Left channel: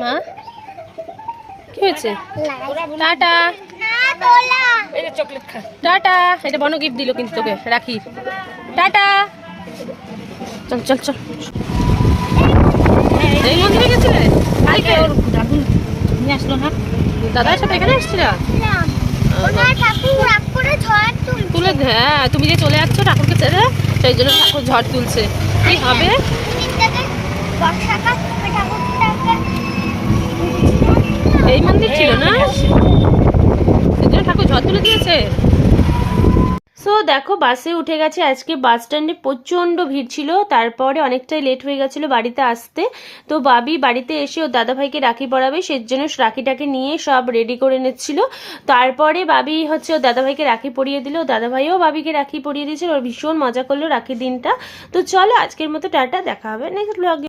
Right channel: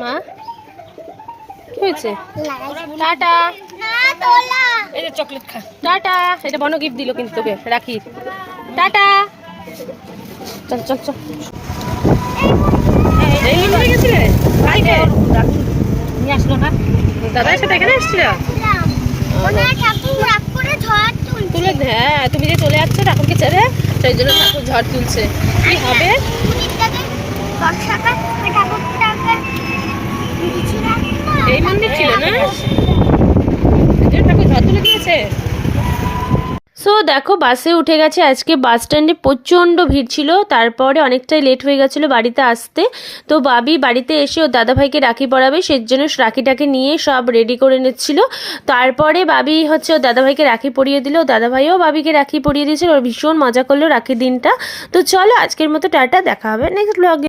মা কি হয়েছে? টাটা। এই যে চকলেট খা। টাটা। এটা বনো গিফট দিল কিন্তু তোকে রাখি। টাটা। চল চল চল। এই মন্দিরে গেছিলে? কালকে নিয়ে আসলো না? দাদার সাথে এখানে এসেছিল? তুলে হ্যাঁ, তুমি যে চলে যাচ্ছ ঠাকুরকে ছেড়ে, সেই জন্য ঠাকুর ঝড় তুলছে। কি হবে? এই মন্দির ছিল না, সেই জন্য ঠাকুর ঝড় তুলে দিয়েছে। সো দেখো বাসে উঠে গেছে। আজকে বাস স্ট্যান্ডে প্রচণ্ড ভিড় ছিল, তারপরে অনেকটাই লেট হয়ে গেছিলো বাড়িতে আসতে। তো বাবি বাড়িতে এসে ওর দাদাভাইকে রাখি পরাবে, সেই জন্য রাখিটাকে নিয়ে সব রেডি করে নিচ্ছিল। তারপরে বাবি হচ্ছে ওর দাদাভাইকে রাখি পরিয়ে দিল, দাদাভাইও বাবিকে রাখি পরিয়ে দিয়েছিল। ওর ভীষণ মজা করলো রাখির দিনটা। তো চলো আজকের মতো টাটা, দেখা হবে নেক্সট ব্লগে।